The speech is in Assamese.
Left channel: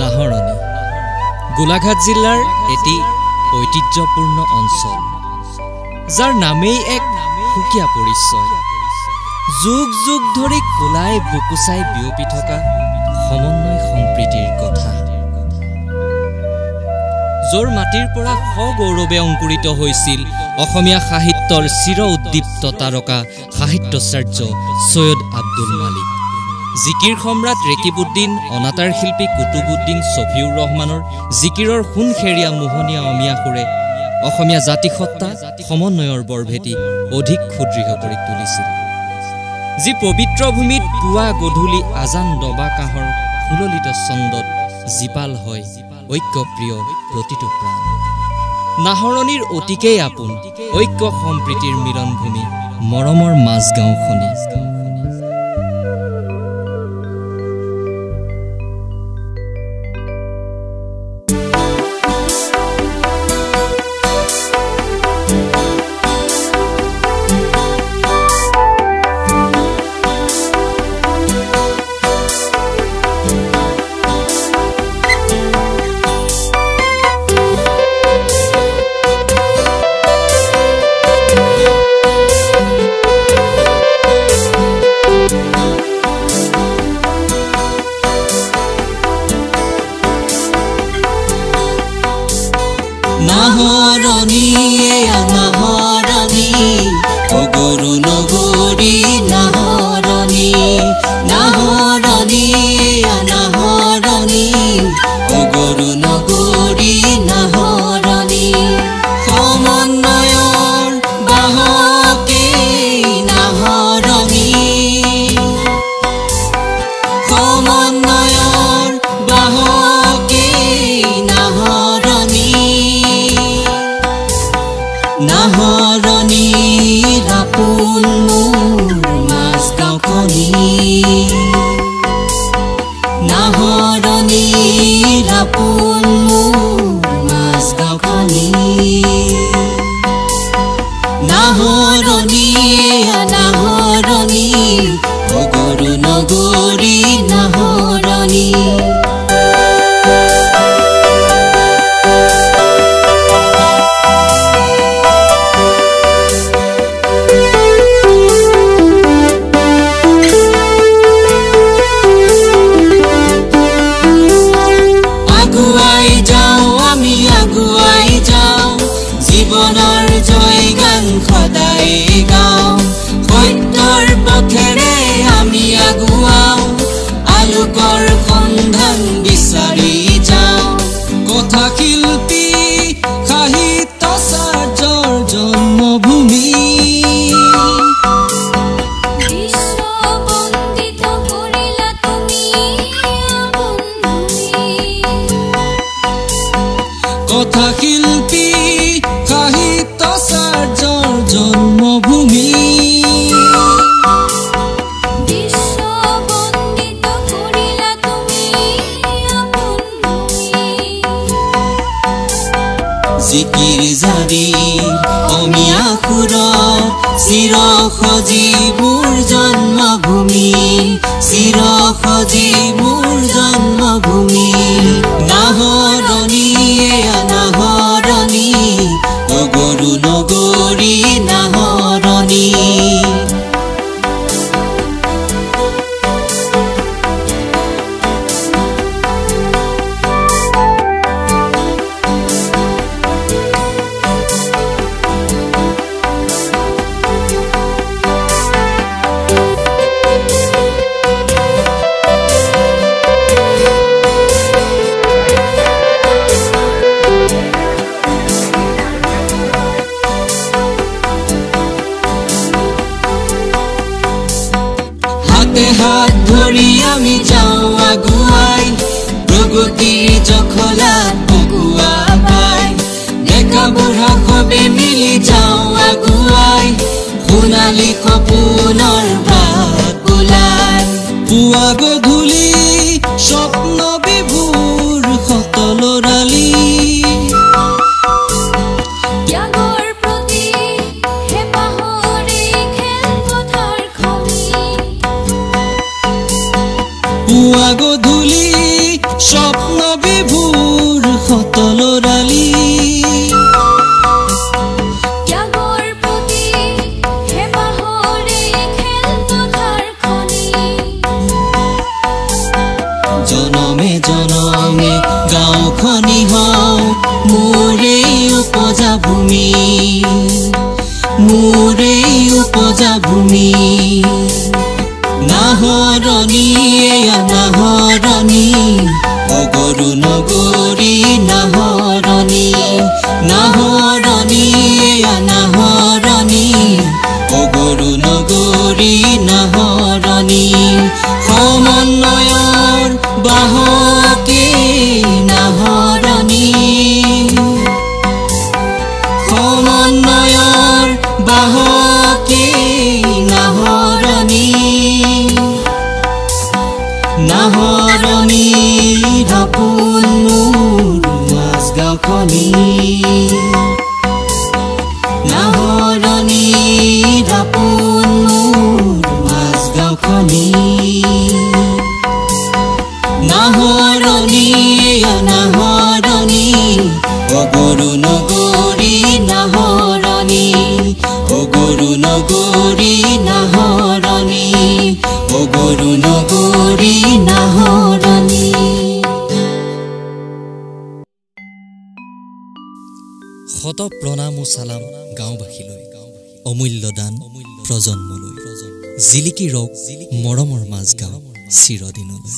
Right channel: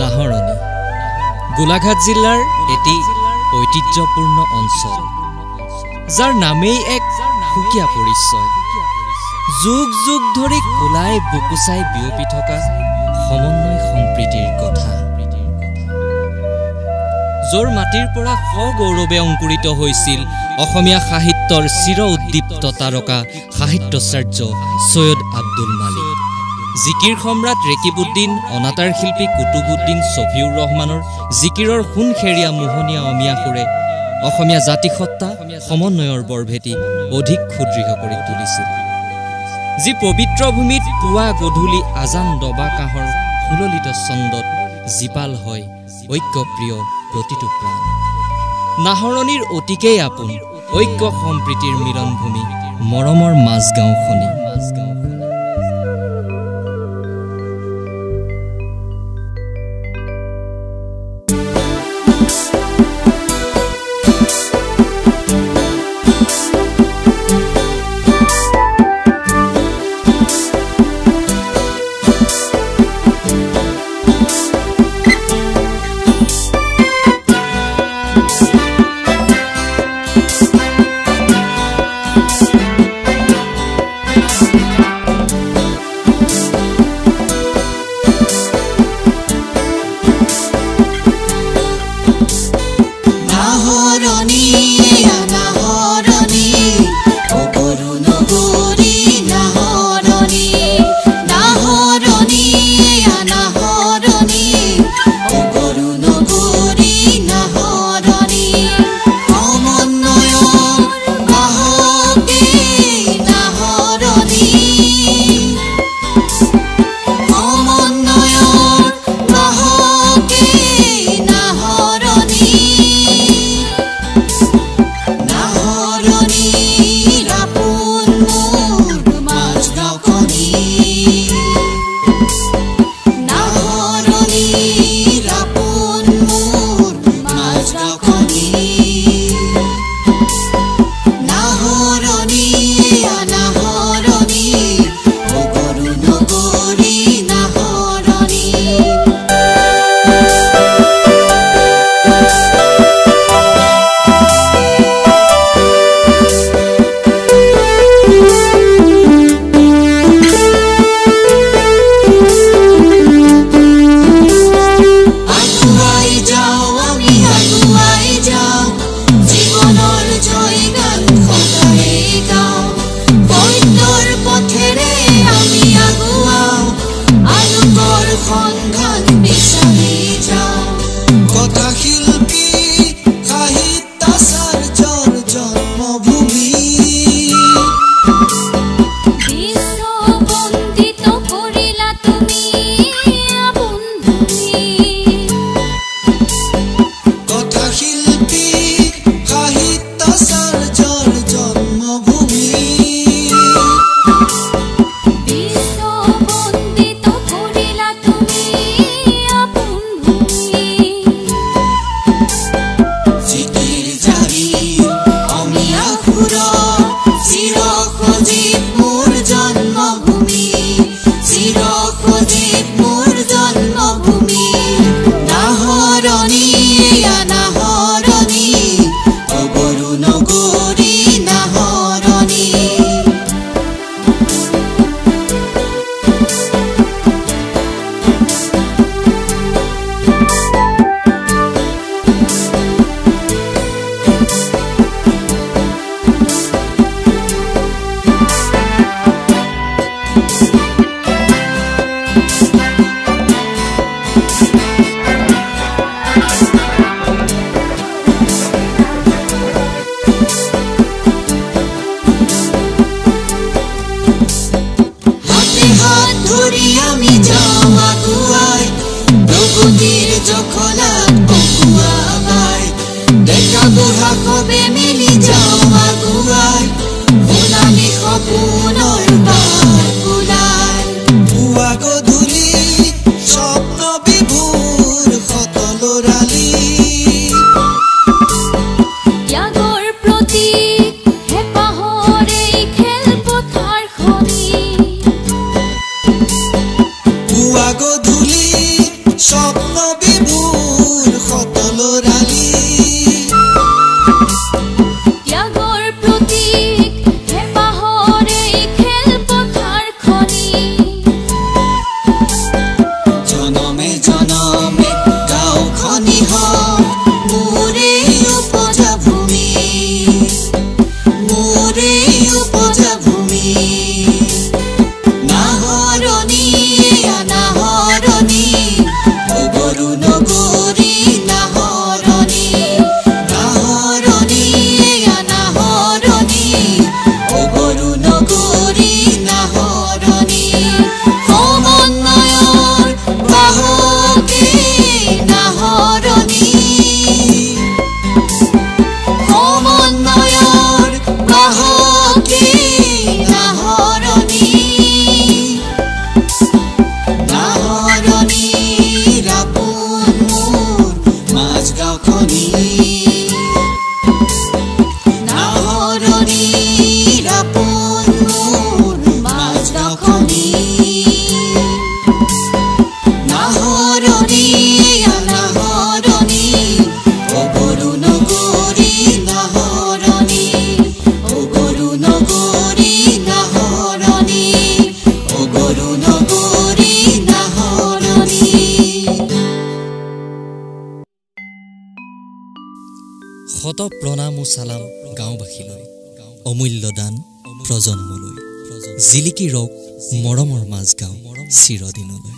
নাহৰণি গোলাঘাট জিলাৰ এটি ঐতিহ্যপূৰ্ণ অঞ্চল যাৰ নামেই এক সুকীয়া পৰিচয় যুগ যুগ ধৰি কোলাই বুকুচাই বিয়পি থকা সমন্বয় সম্প্ৰীতিৰ কথা জোৰ মাটিৰ পৰা সগৌৰৱে অংকুৰিত হৈছিল অসমীয়া সাহিত্যৰ চিৰ উদ্দীপ্ত তাৰকা সাহিত্যাচাৰ্য সৈয়দ আব্দুল মালিক জিকিৰ সম্ৰাট ৰেকিবউদ্দিন অনাতাঁৰ শিল্পী কুতুবউদ্দিন ছফিউৰ ৰহমানৰ জিকিৰৰ সোণখেৰীয়া মোহনীয়া অমিয়া সুৰে অসমীয়া জাতিসত্তা সমন্বয়ৰ বৰভেটি অধিক সুদৃঢ় কৰি তুলিছিল যি পবিত্ৰ ভূমিত পুৱা গধূলি আজান দবা কাহৰ ফুললিত ছন্দত জীপাল হয় ঐক্যপ্ৰিয় প্ৰতিটো প্ৰাণ নাহৰণিৰ অতিকেই আপোন ঐক্য সম্প্ৰীতিৰ মিলনভূমি মৰমৰ মাজগাঁওখনি গধূলি স্বপ্ন নাহৰণী অগৰু নগৰী নাহৰণী নাহৰণী নাহৰণী অগৰু নগৰী নাহৰণী সমন্বয়ৰ বাহকী নাহৰণী সমন্বয়ৰ বাহকী নাহৰণী নাহৰণী দাপোন মোৰ মাজগাঁওখনি নাহৰণী দাপোন মোৰ মাজগাঁওখনি নাহৰণী নাহৰণী অগৰু নগৰী নাহৰণী অগৰু নগৰী নাহৰণী অগৰু নগৰী নাহৰণী শত প্ৰণাম ও চালাম গাঁওবাসীলৈ অমূল্য দান প্ৰজন্মলৈ জিলিকি ৰওক মৰমৰ মাজগাঁও চিৰদিনলৈ